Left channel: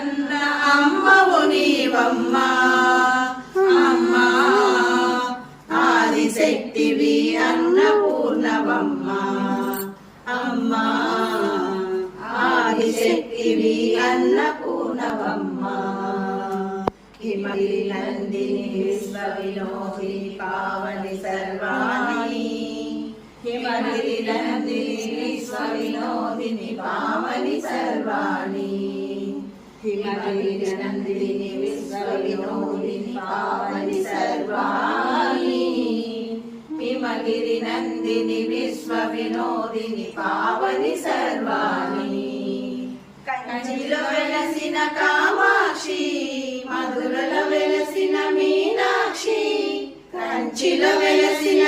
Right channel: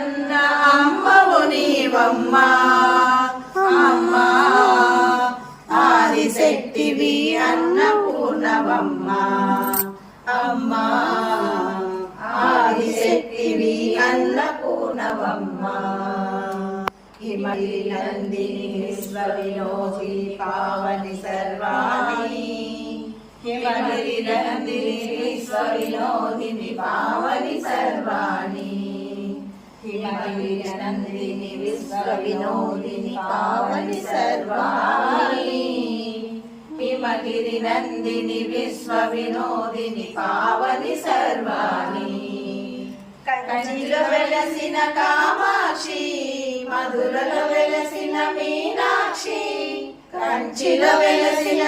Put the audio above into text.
కన్న అమ్మవు నీవమ్మ. అమ్మ ఆదిశక్తివి అన్నపూర్ణవమ్మ. అమ్మ ఆదిశక్తివి అన్నపూర్ణవమ్మ. హిమలి నందిని విశ్వ పావని సర్వాణి. హిమగిరి నందిని విశ్వ వినోదిని పావని సర్వాణి. హిమగిరి నందిని విశ్వ వినోదిని పావని సర్వాణి హిమగిరి నందిని విశ్వ వినోదిని పావని సర్వాణి కంచిలో వెలసిన కామాక్షి మధురలో వెలసిన మీనాక్షి కంచిలో వెలసిన